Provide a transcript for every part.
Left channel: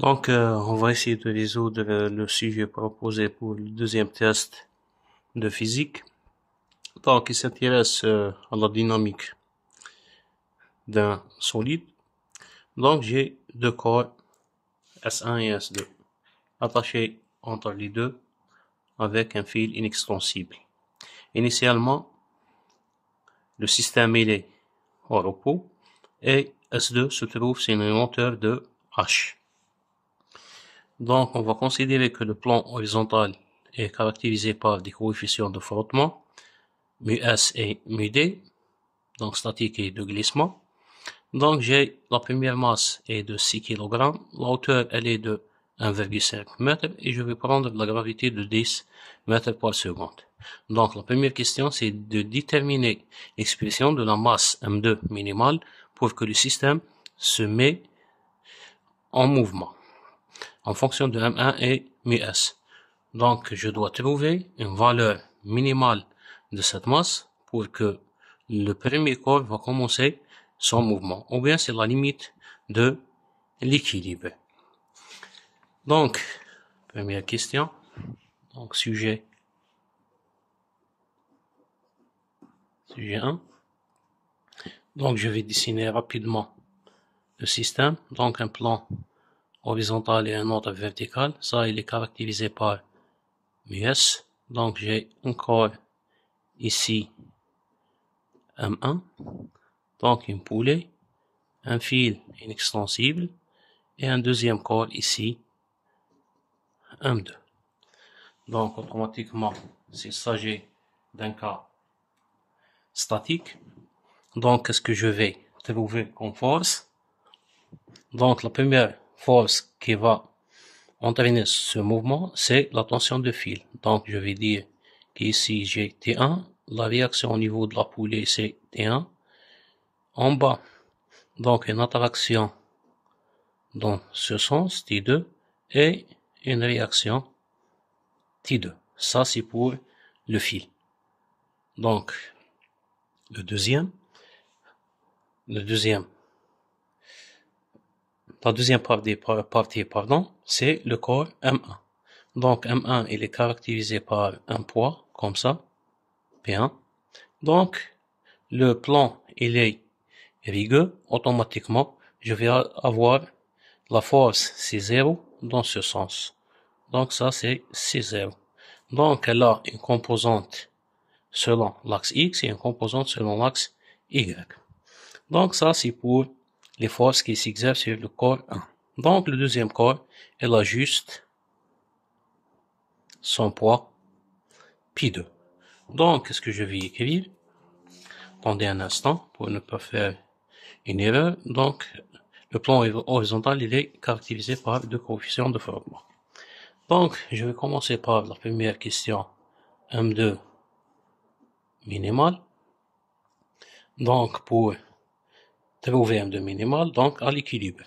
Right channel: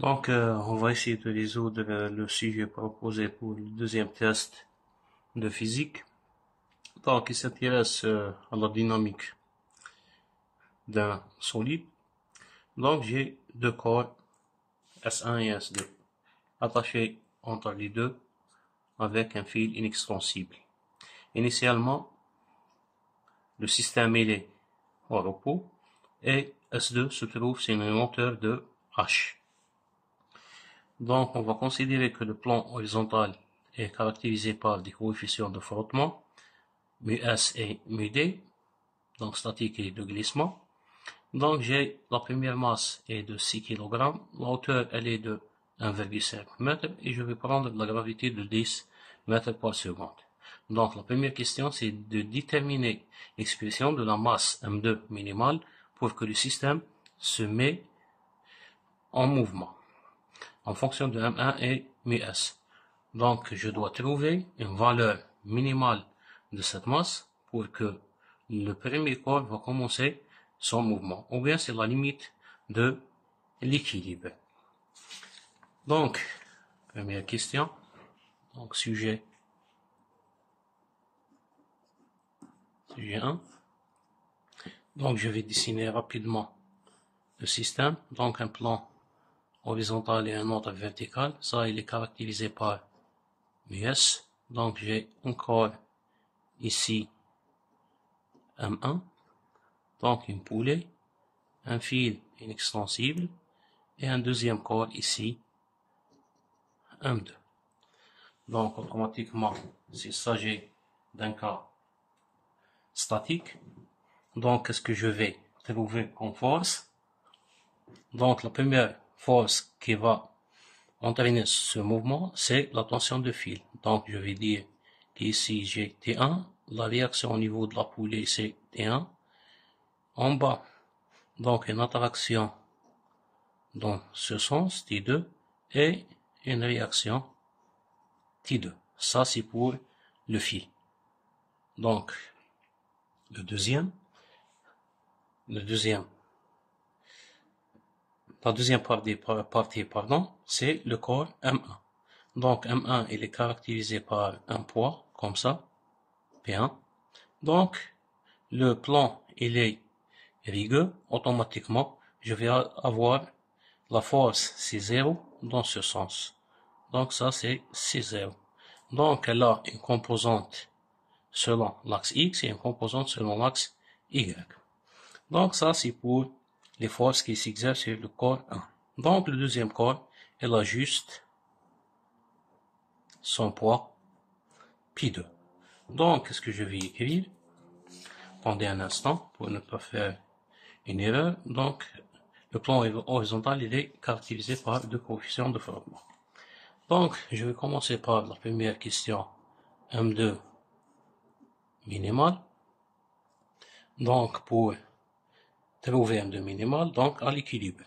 On va essayer de résoudre le sujet proposé pour le deuxième test de physique. Donc, il s'intéresse à la dynamique d'un solide. Donc, j'ai deux corps, S1 et S2, attachés entre les deux avec un fil inextensible. Initialement, le système est au repos et S2 se trouve sur une hauteur de H. Donc, on va considérer que le plan horizontal est caractérisé par des coefficients de frottement, μS et μD, donc statique et de glissement. Donc, j'ai la première masse est de 6 kg, la hauteur elle est de 1,5 m et je vais prendre la gravité de 10 mètres par seconde. Donc, la première question, c'est de déterminer l'expression de la masse M2 minimale pour que le système se met en mouvement en fonction de M1 et μS. Donc, je dois trouver une valeur minimale de cette masse pour que le premier corps va commencer son mouvement. Ou bien c'est la limite de l'équilibre. Donc, première question. Donc, sujet 1. Donc, je vais dessiner rapidement le système. Donc, un plan horizontal et un autre vertical. Ça, il est caractérisé par μS. Donc, j'ai un corps ici, M1. Donc, une poulie, un fil inextensible et un deuxième corps ici, M2. Donc, automatiquement, s'il s'agit d'un cas statique, donc, qu'est-ce que je vais trouver comme force? Donc, la première force qui va entraîner ce mouvement, c'est la tension de fil. Donc, je vais dire qu'ici, j'ai T1. La réaction au niveau de la poulie, c'est T1. En bas, donc, une attraction dans ce sens, T2, et une réaction T2. Ça, c'est pour le fil. Donc, la deuxième partie, c'est le corps M1. Donc, M1, il est caractérisé par un poids, comme ça, P1. Donc, le plan, il est rigueux, automatiquement, je vais avoir la force C0 dans ce sens. Donc, ça, c'est C0. Donc, elle a une composante selon l'axe X et une composante selon l'axe Y. Donc, ça, c'est pour les forces qui s'exercent sur le corps 1. Donc, le deuxième corps, elle a juste son poids Pi2. Donc, qu'est-ce que je vais écrire? Attendez un instant pour ne pas faire une erreur. Donc, le plan horizontal, il est caractérisé par deux coefficients de frottement. Donc, je vais commencer par la première question, M2 minimal. Donc, pour trouver M2 minimal, donc à l'équilibre.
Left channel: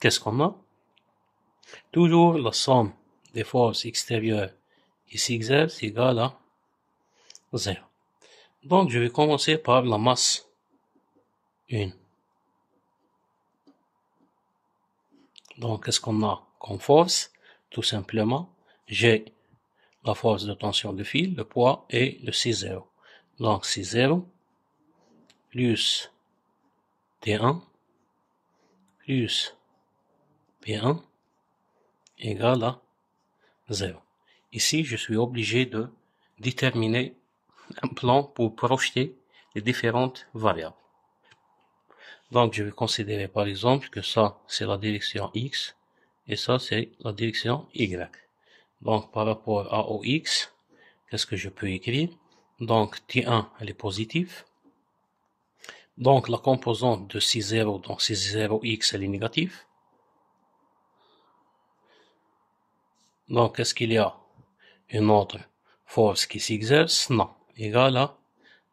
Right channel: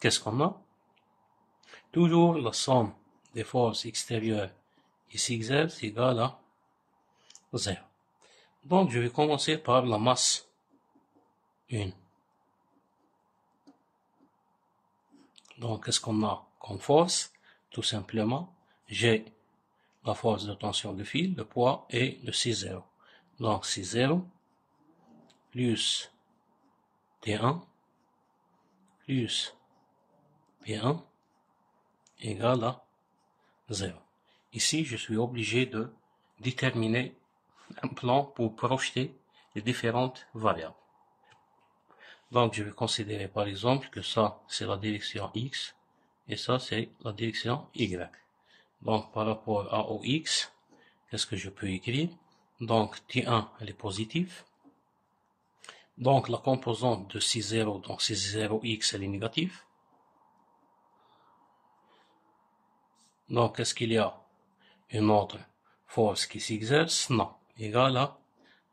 Qu'est-ce qu'on a? Toujours la somme des forces extérieures qui s'exercent égale à 0. Donc, je vais commencer par la masse 1. Donc, qu'est-ce qu'on a comme force? Tout simplement, j'ai la force de tension de fil, le poids et le C0. Donc, C0 plus T1 plus P1 égale à 0. Ici, je suis obligé de déterminer un plan pour projeter les différentes variables. Donc, je vais considérer par exemple que ça, c'est la direction X et ça, c'est la direction Y. Donc, par rapport à OX, qu'est-ce que je peux écrire? Donc, T1, elle est positive. Donc, la composante de C0, donc C0X, elle est négative. Donc, est-ce qu'il y a une autre force qui s'exerce? Non. Égale à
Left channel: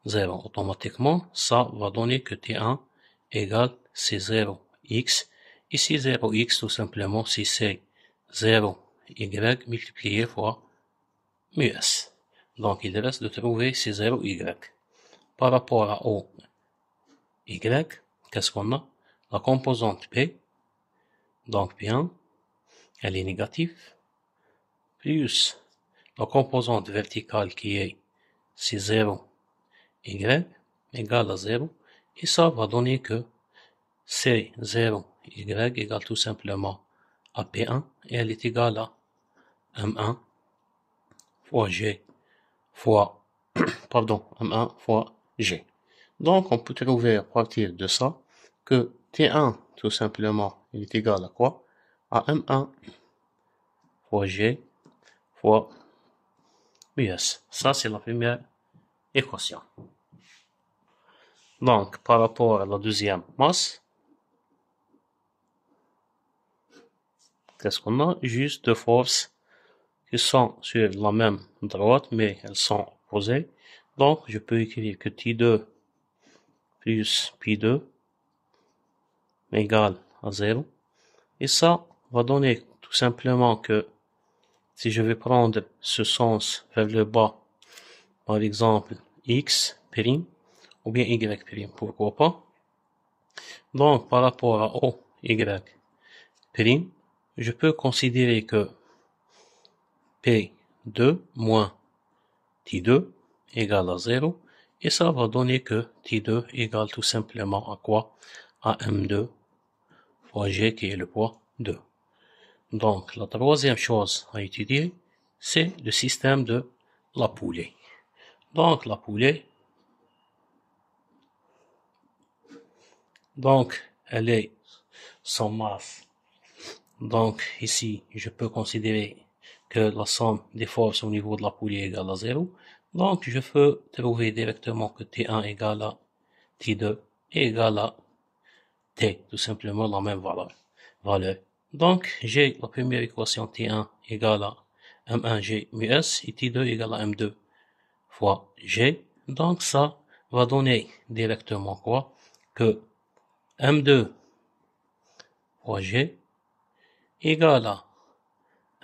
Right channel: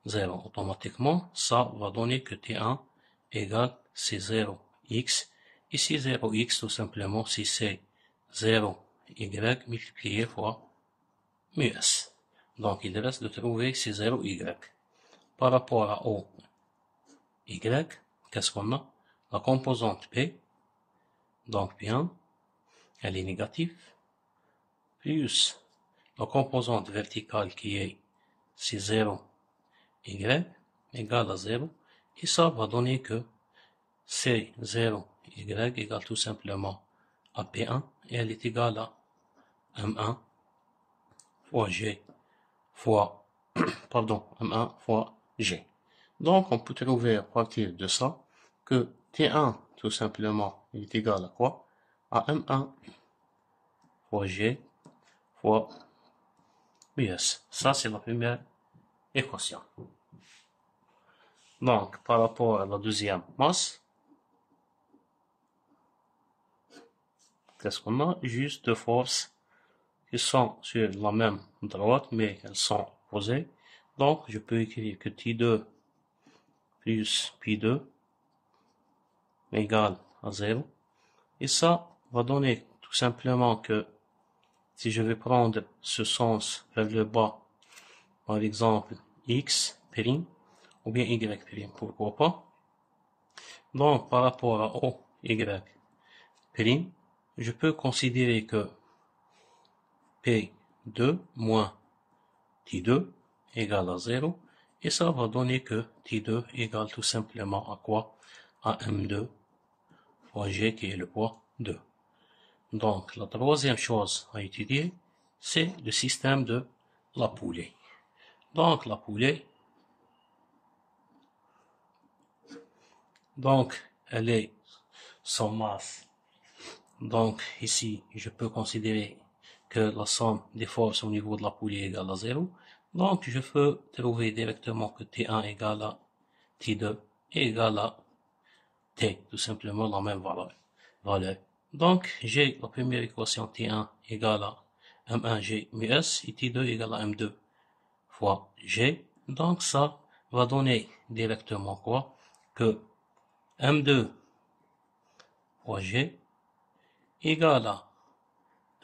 0. Automatiquement, ça va donner que T1 égale C0X. Ici, 0X, tout simplement, si c'est 0Y multiplié fois μS. Donc, il reste de trouver C0Y. Par rapport à O, Y, qu'est-ce qu'on a? La composante P, donc P1, elle est négative, plus la composante verticale qui est c'est 0, Y, égale à 0, et ça va donner que C0, Y égale tout simplement à P1, et elle est égale à M1 fois G fois, M1 fois G. Donc, on peut trouver à partir de ça que T1, tout simplement, il est égal à quoi? À M1 fois G fois US. Ça, c'est la première équation. Donc, par rapport à la deuxième masse, qu'est-ce qu'on a? Juste deux forces qui sont sur la même droite, mais elles sont opposées. Donc, je peux écrire que T2 plus P2 égale à 0. Et ça va donner tout simplement que si je vais prendre ce sens vers le bas, par exemple X', ou bien Y', pourquoi pas. Donc, par rapport à O, Y', je peux considérer que P2 moins T2 égale à 0, et ça va donner que T2 égale tout simplement à quoi? À M2 fois G qui est le poids 2. Donc, la troisième chose à étudier, c'est le système de la poulie. Donc, la poulie, donc, elle est sans masse. Donc, ici, je peux considérer que la somme des forces au niveau de la poulie est égale à 0. Donc, je peux trouver directement que T1 égale à T2 est égal à T, tout simplement la même valeur. Donc, j'ai la première équation T1 égale à M1G mu S et T2 égale à M2 fois G. Donc, ça va donner directement quoi? Que M2 fois G égale à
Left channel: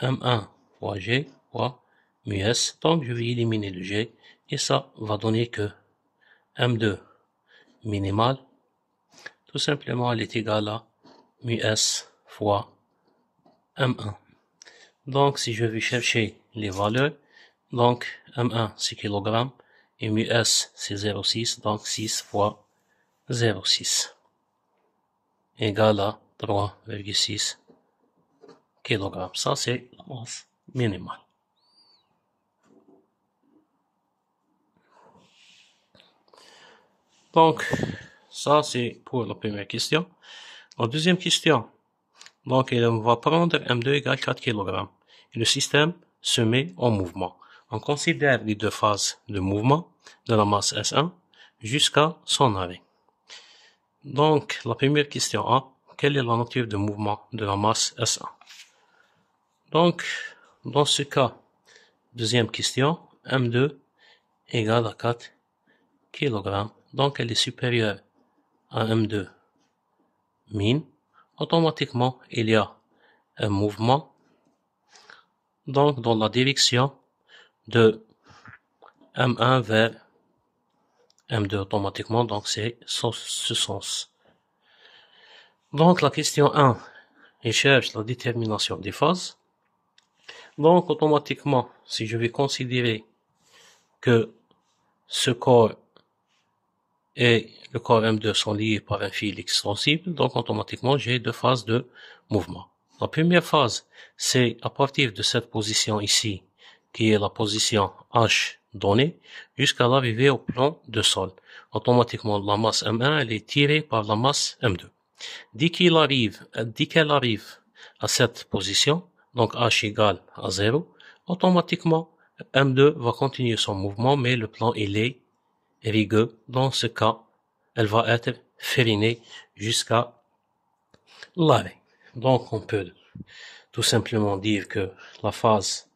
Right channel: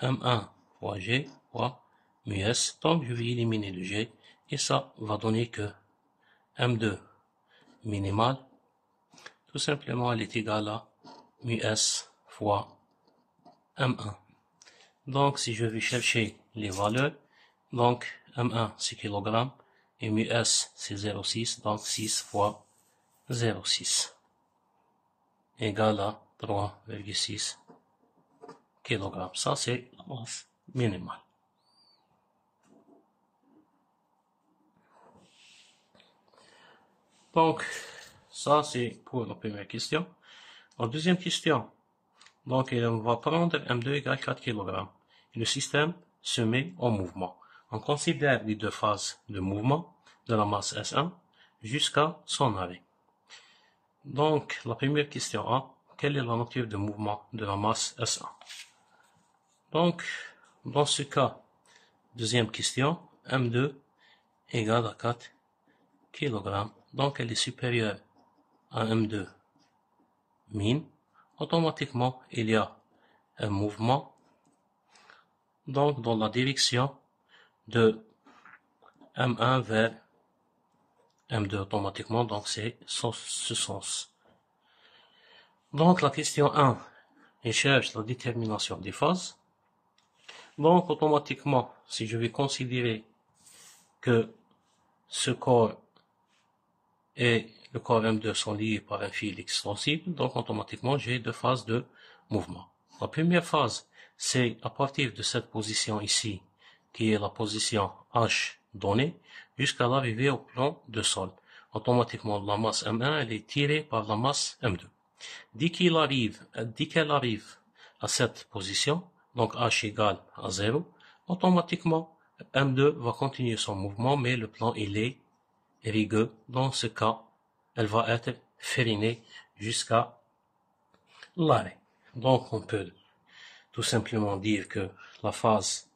M1 fois G fois mu S. Donc, je vais éliminer le G et ça va donner que M2 minimal, tout simplement, elle est égale à mu S fois M1. Donc, si je vais chercher les valeurs, donc M1 c'est kg et mu S c'est 0,6, donc 6 fois 0,6 égale à 3,6 kg. Ça, c'est la masse minimale. Donc, ça, c'est pour la première question. La deuxième question, donc, on va prendre M2 égale 4 kg. Et le système se met en mouvement. On considère les deux phases de mouvement de la masse S1 jusqu'à son arrêt. Donc, la première question A, quelle est la nature de mouvement de la masse S1? Donc, dans ce cas, deuxième question, M2 égale à 4 kg. Donc, elle est supérieure à M2 min. Automatiquement, il y a un mouvement, donc dans la direction de M1 vers M2 automatiquement, donc c'est ce sens. Donc la question 1, il cherche la détermination des phases. Donc automatiquement, si je vais considérer que ce corps et le corps M2 sont liés par un fil extensible, donc automatiquement j'ai deux phases de mouvement. La première phase, c'est à partir de cette position ici, qui est la position H donnée, jusqu'à l'arrivée au plan de sol. Automatiquement, la masse M1, elle est tirée par la masse M2. Dès qu'elle arrive à cette position, donc H égale à 0, automatiquement, M2 va continuer son mouvement, mais le plan, il est rigueux. Dans ce cas, elle va être férinée jusqu'à l'arrêt. Donc, on peut tout simplement dire que la phase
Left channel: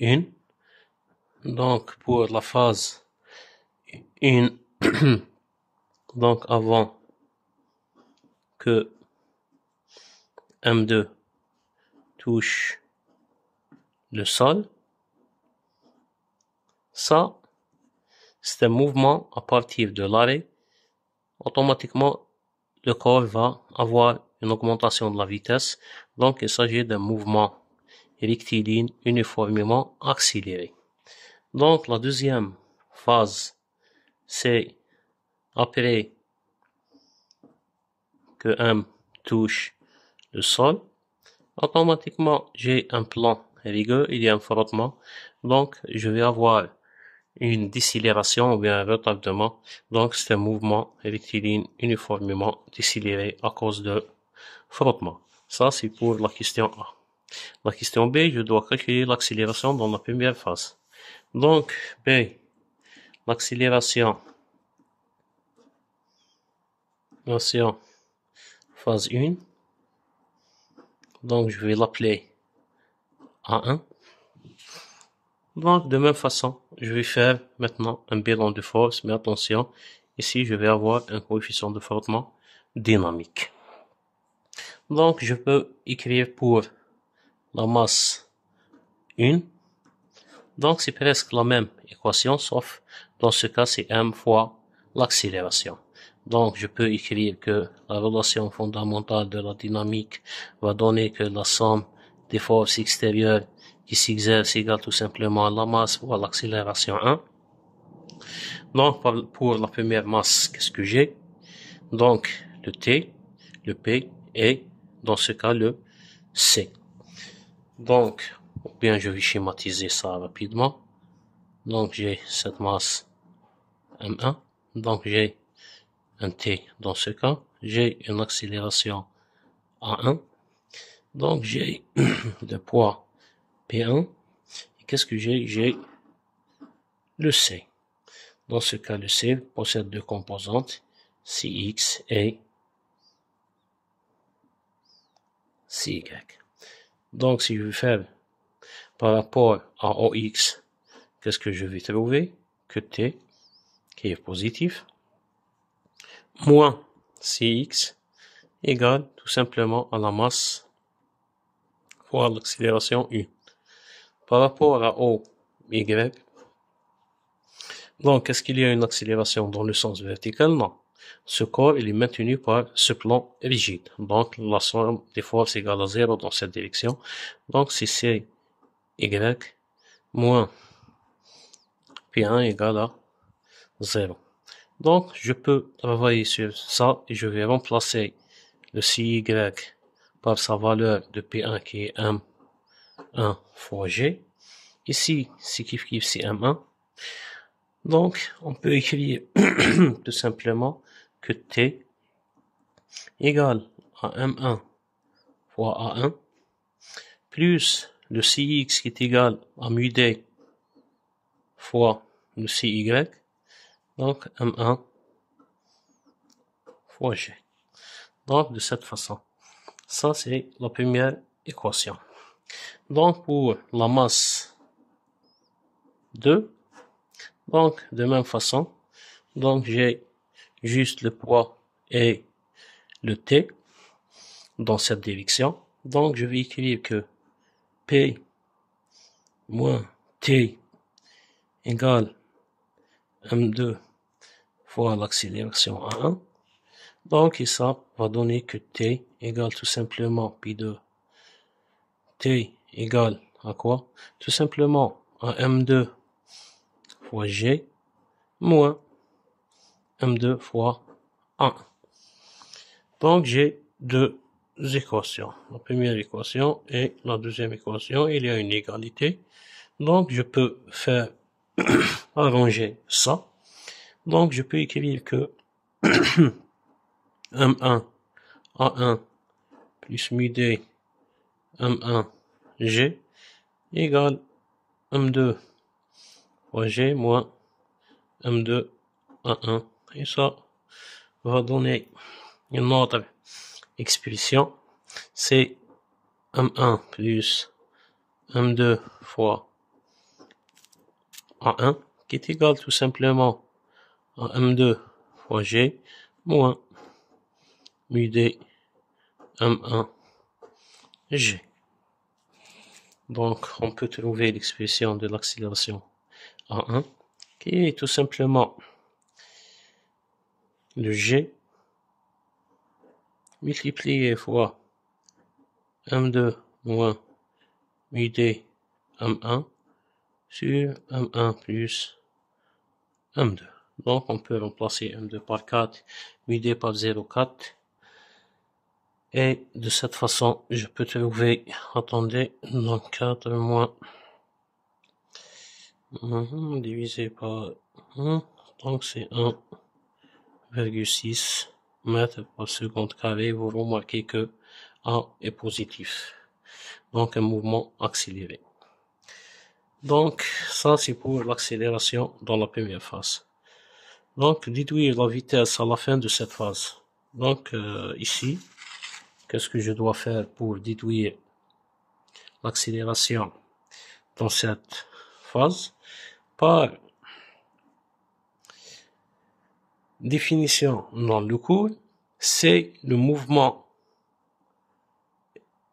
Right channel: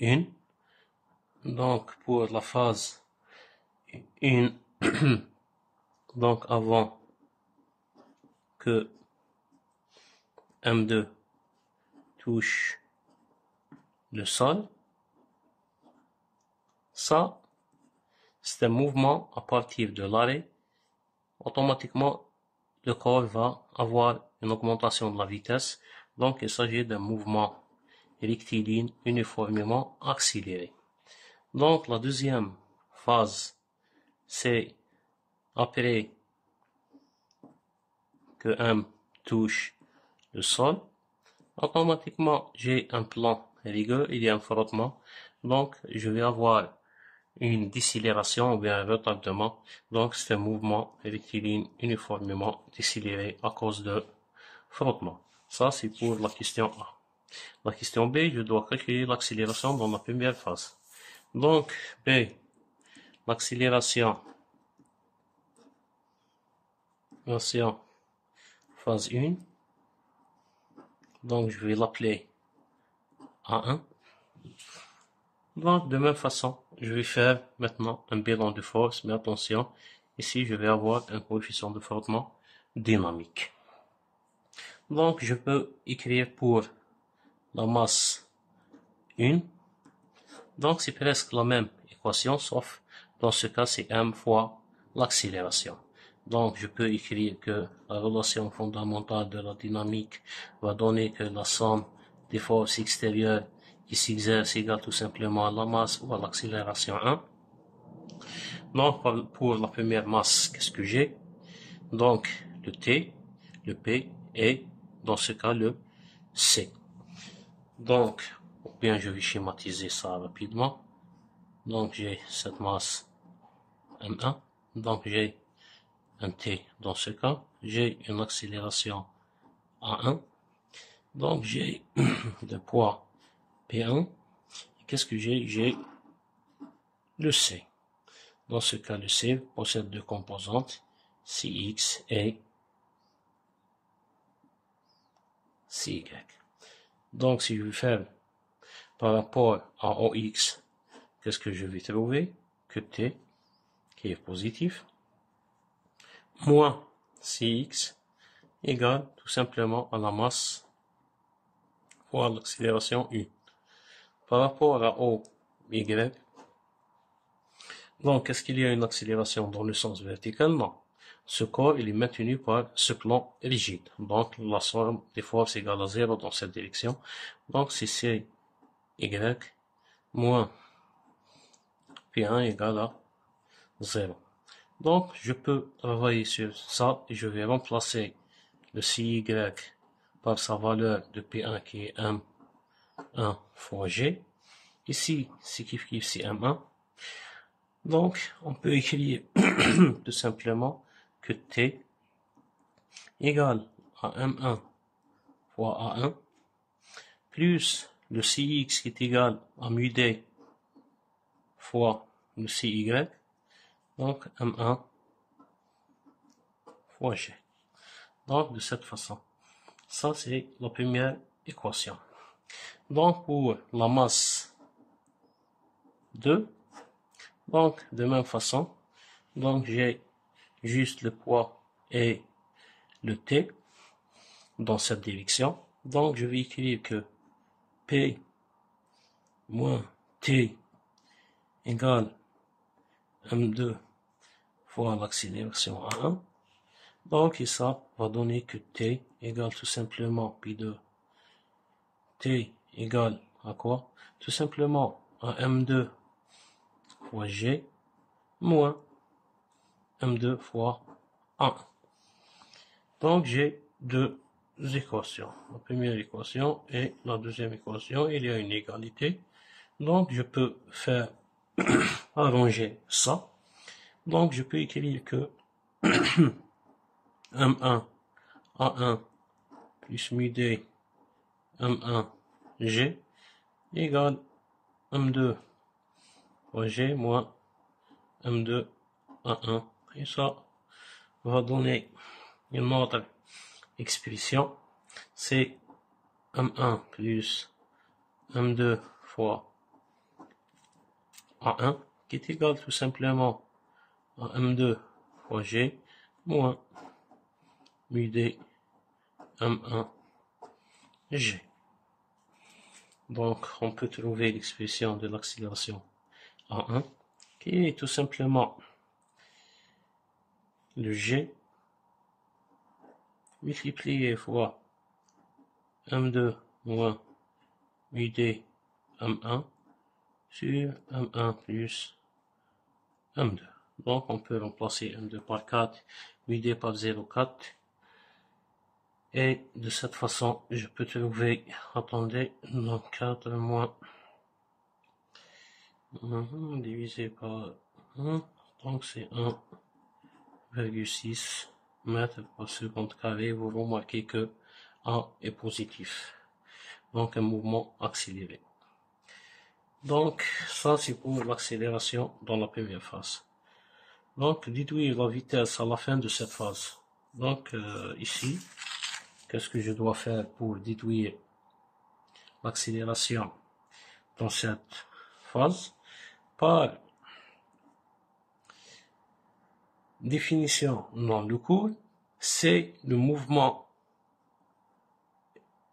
1, donc pour la phase 1, donc avant que M2 touche le sol, ça, c'est un mouvement à partir de l'arrêt. Automatiquement, le corps va avoir une augmentation de la vitesse. Donc, il s'agit d'un mouvement rectiligne uniformément accéléré. Donc, la deuxième phase, c'est après que M touche le sol, automatiquement, j'ai un plan rigueur, il y a un frottement. Donc, je vais avoir une décélération ou bien un retardement. Donc, c'est un mouvement rectiligne uniformément décéléré à cause de frottement. Ça, c'est pour la question A. La question B, je dois calculer l'accélération dans la première phase. Donc, B, l'accélération, phase 1. Donc, je vais l'appeler A1. Donc, de même façon, je vais faire maintenant un bilan de force, mais attention, ici, je vais avoir un coefficient de frottement dynamique. Donc, je peux écrire pour la masse 1. Donc, c'est presque la même équation, sauf dans ce cas, c'est M fois l'accélération. Donc, je peux écrire que la relation fondamentale de la dynamique va donner que la somme des forces extérieures qui s'exercent égale tout simplement à la masse fois l'accélération 1. Donc, pour la première masse, qu'est-ce que j'ai? Donc, le T, le P et, dans ce cas, le C. Donc, bien, je vais schématiser ça rapidement. Donc, j'ai cette masse M1. Donc, j'ai un T dans ce cas. J'ai une accélération A1. Donc, j'ai le poids P1. Et qu'est-ce que j'ai? J'ai le C. Dans ce cas, le C possède deux composantes, Cx et Cy. Donc, si je veux faire par rapport à OX, qu'est-ce que je vais trouver? Que T, qui est positif, moins Cx égale tout simplement à la masse fois l'accélération U. Par rapport à OY, donc est-ce qu'il y a une accélération dans le sens vertical? Non. Ce corps, il est maintenu par ce plan rigide. Donc, la somme des forces égale à 0 dans cette direction. Donc, c'est CY moins P1 égale à 0. Donc, je peux travailler sur ça et je vais remplacer le CY par sa valeur de P1 qui est M1 fois G. Ici, c'est kiff c'est M1. Donc, on peut écrire tout simplement que T égale à M1 fois A1 plus le Cx qui est égal à mu D fois le Cy. Donc, M1 fois G. Donc, de cette façon. Ça, c'est la première équation. Donc, pour la masse 2, donc, de même façon, donc j'ai juste le poids et le T dans cette direction. Donc, je vais écrire que P moins T égale M2 fois l'accélération A1. Donc, et ça va donner que T égale tout simplement P2. T égale à quoi? Tout simplement à M2 fois G moins M2 fois A1. Donc, j'ai deux équations. La première équation et la deuxième équation, il y a une égalité. Donc, je peux faire arranger ça. Donc, je peux écrire que M1 A1 plus mu D M1 G égale M2 fois G moins M2 A1. Et ça va donner une autre expression. C'est M1 plus M2 fois A1 qui est égal tout simplement à M2 fois G moins mu D M1 G. Donc, on peut trouver l'expression de l'accélération A1 qui est tout simplement le G multiplié fois M2 moins UD M1 sur M1 plus M2. Donc, on peut remplacer M2 par 4, UD par 0,4. Et de cette façon, je peux trouver, attendez, donc 4 moins divisé par 1, donc c'est 1,6 mètres par seconde carré. Vous remarquez que A est positif. Donc, un mouvement accéléré. Donc, ça, c'est pour l'accélération dans la première phase. Donc, déduire la vitesse à la fin de cette phase. Donc, ici, qu'est-ce que je dois faire pour déduire l'accélération dans cette phase? Par définition dans le cours, c'est le mouvement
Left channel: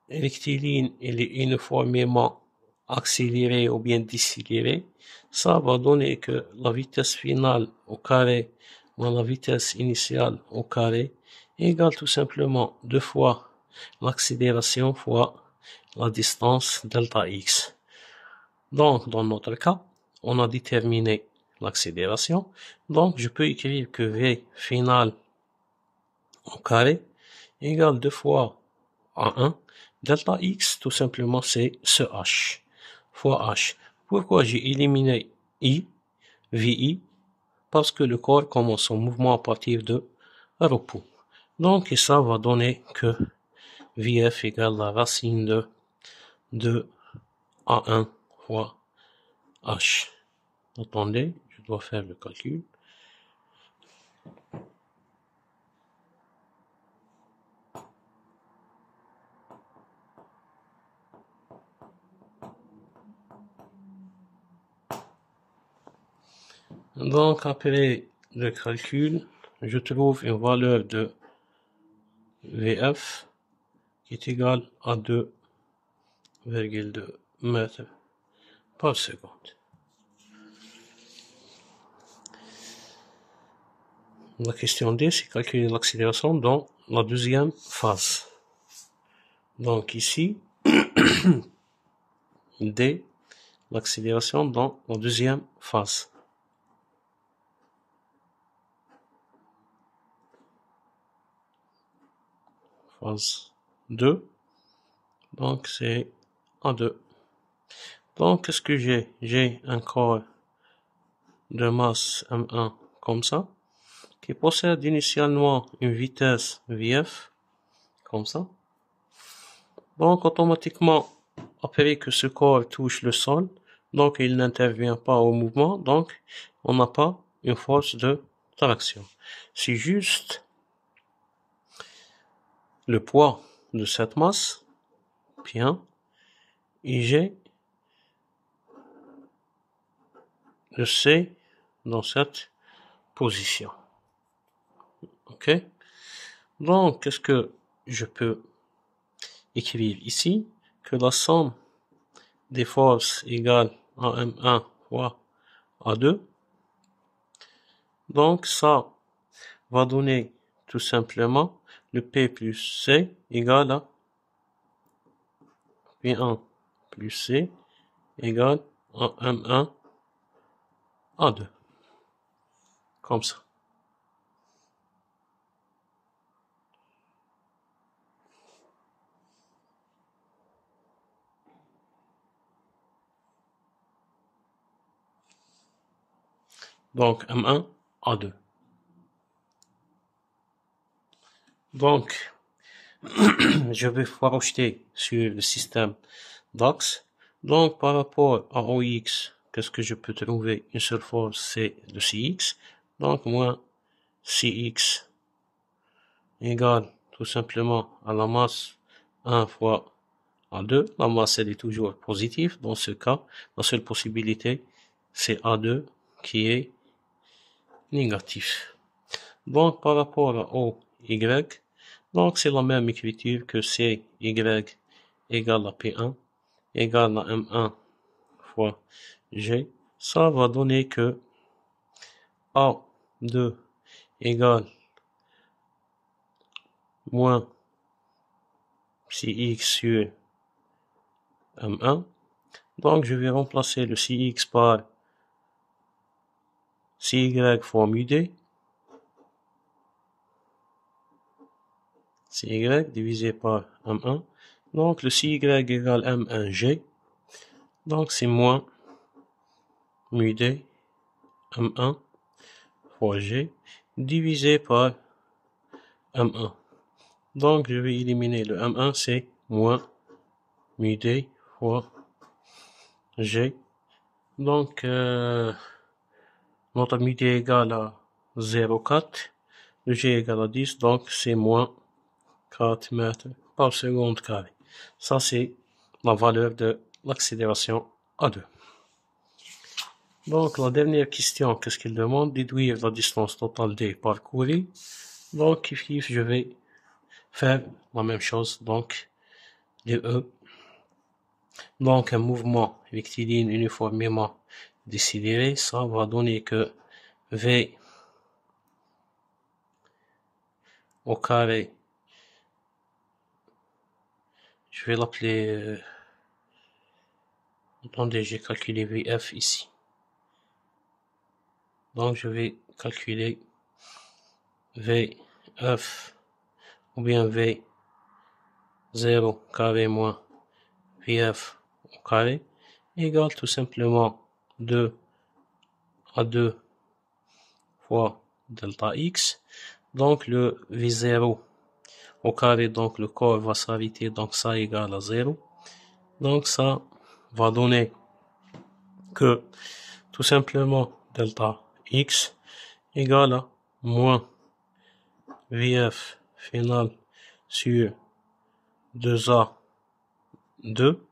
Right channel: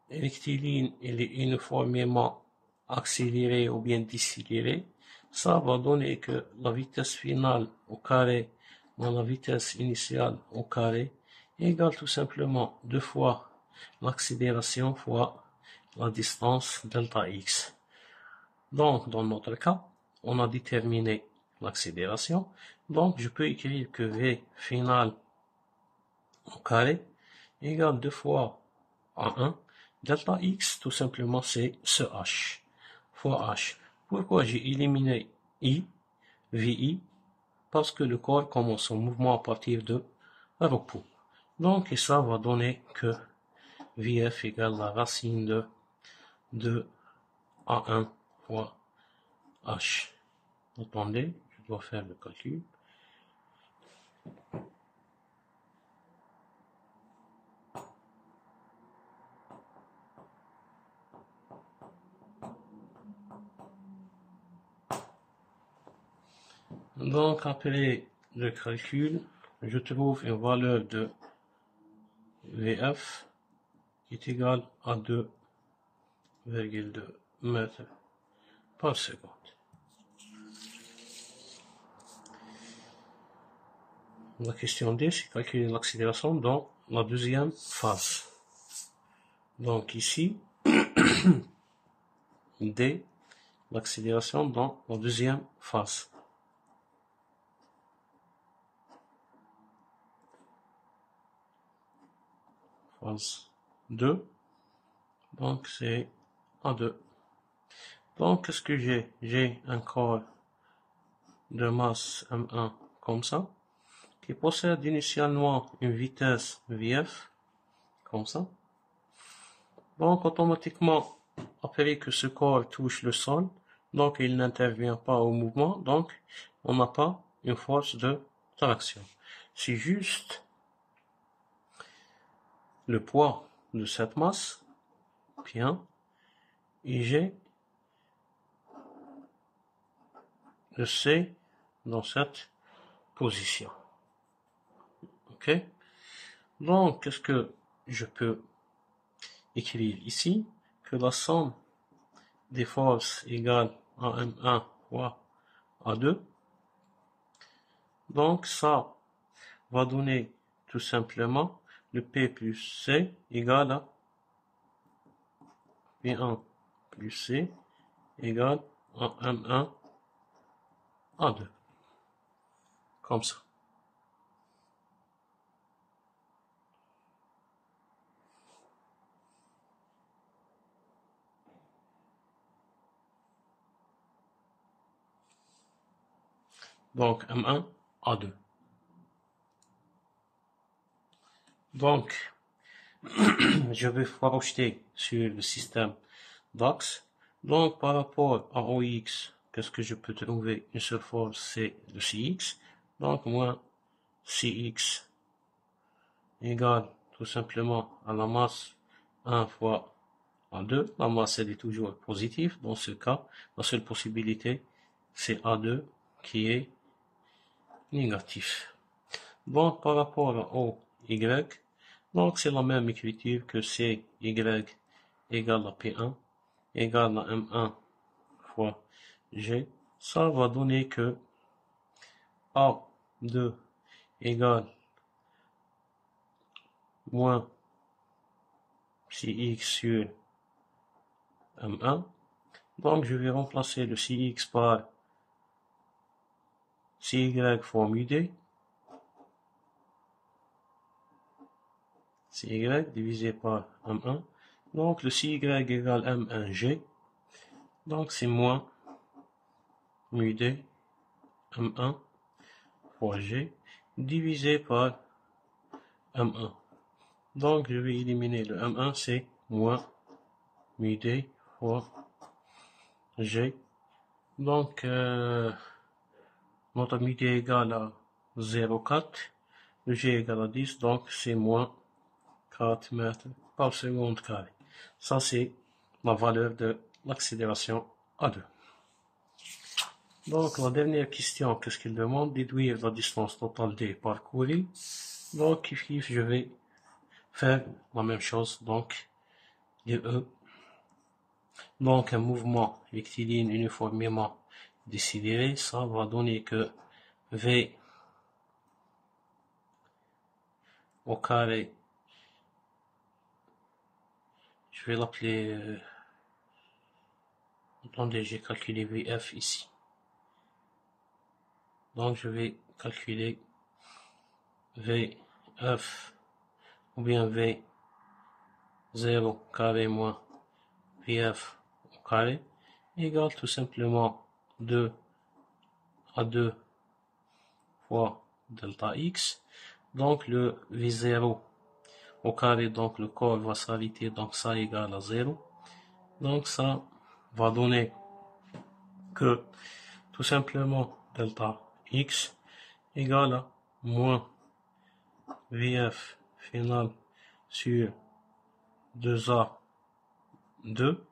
rectiligne, il est uniformément accéléré ou bien décéléré. Ça va donner que la vitesse finale au carré moins la vitesse initiale au carré égale tout simplement 2 fois l'accélération fois la distance delta x. Donc, dans notre cas, on a déterminé l'accélération. Donc, je peux écrire que V final au carré égale 2 fois A1. Delta x, tout simplement, c'est ce h fois h. Pourquoi j'ai éliminé I, VI? Parce que le corps commence son mouvement à partir de repos. Donc, et ça va donner que VF égale la racine de A1 fois H. Attendez, je dois faire le calcul. Donc, après le calcul, je trouve une valeur de VF qui est égale à 2,2 mètres par seconde. La question D, c'est calculer l'accélération dans la deuxième phase. Donc ici, D, l'accélération dans la deuxième phase. Phase 2. Donc c'est A2. Donc qu'est-ce que j'ai? J'ai un corps de masse M1 comme ça, qui possède initialement une vitesse Vf, comme ça. Donc automatiquement, après que ce corps touche le sol, donc il n'intervient pas au mouvement, donc on n'a pas une force de traction. C'est juste le poids de cette masse, bien, IG, de C dans cette position. Ok? Donc, qu'est-ce que je peux écrire ici? Que la somme des forces égale à M1 fois A2. Donc, ça va donner tout simplement le P plus C égale à P1 plus C égale à M1 A2. Comme ça. Donc, M1, A2. Donc, je vais projeter sur le système d'axe. Donc, par rapport à OX, qu'est-ce que je peux trouver? Une seule force, c'est le CX. Donc, moins CX égale tout simplement à la masse 1 fois A2. La masse, elle est toujours positive. Dans ce cas, la seule possibilité, c'est A2 qui est négatif. Donc, par rapport à OY, donc c'est la même écriture que CY égale à P1 égale à M1 fois G. Ça va donner que A2 égale moins si x sur M1. Donc, je vais remplacer le si x par si y fois mu d. Si y divisé par M1. Donc, le si y égale M1G. Donc, c'est moins mu d M1 fois G divisé par M1. Donc, je vais éliminer le M1, c'est moins mu d fois G. Donc, notre mu d égale à 0,4. Le G égale à 10, donc c'est moins 4 mètres par seconde carré. Ça, c'est la valeur de l'accélération A2. Donc, la dernière question, qu'est-ce qu'il demande? Déduire la distance totale d parcourue. Donc, je vais faire la même chose. Donc, E. Donc, un mouvement rectiligne uniformément décéléré, ça va donner que V au carré, je vais l'appeler, attendez, j'ai calculé VF ici. Donc, je vais calculer VF ou bien V0 carré moins VF au carré égale tout simplement 2 à 2 fois delta X. Donc, le V0 au carré, donc le corps va s'arrêter, donc ça égale à 0. Donc, ça va donner que tout simplement delta X égale à moins VF final sur 2A 2.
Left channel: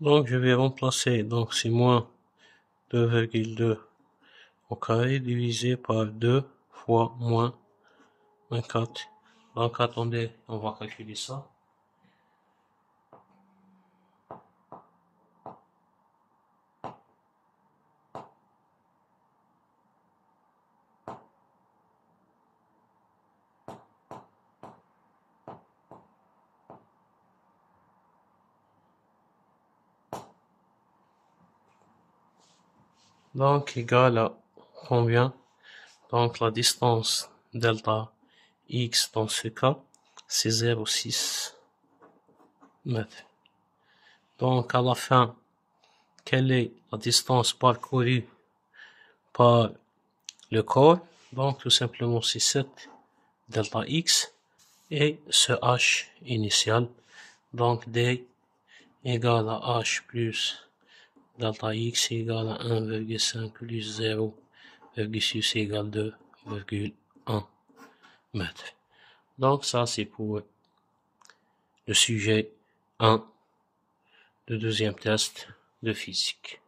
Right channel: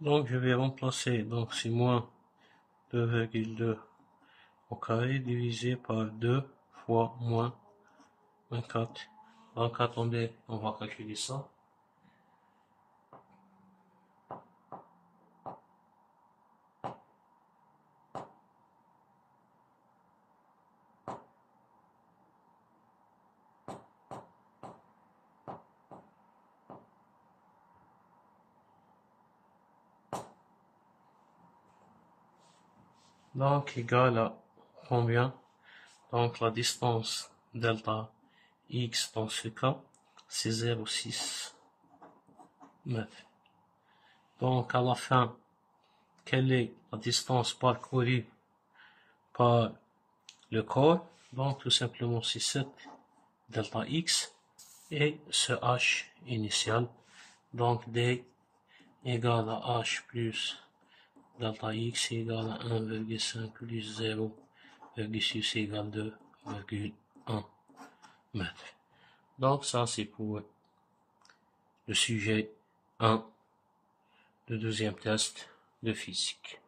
Donc, je vais remplacer, donc c'est moins 2,2 au carré divisé par 2 fois moins 24. Donc, attendez, on va calculer ça. Donc, égal à combien? Donc, la distance delta X dans ce cas, c'est 0,6 mètres. Donc, à la fin, quelle est la distance parcourue par le corps? Donc, tout simplement, c'est 7 delta X et ce H initial. Donc, D égale à H plus delta X égale à 1,5 plus 0,6 égale 2,1 mètres. Donc, ça, c'est pour le sujet 1 du deuxième test de physique.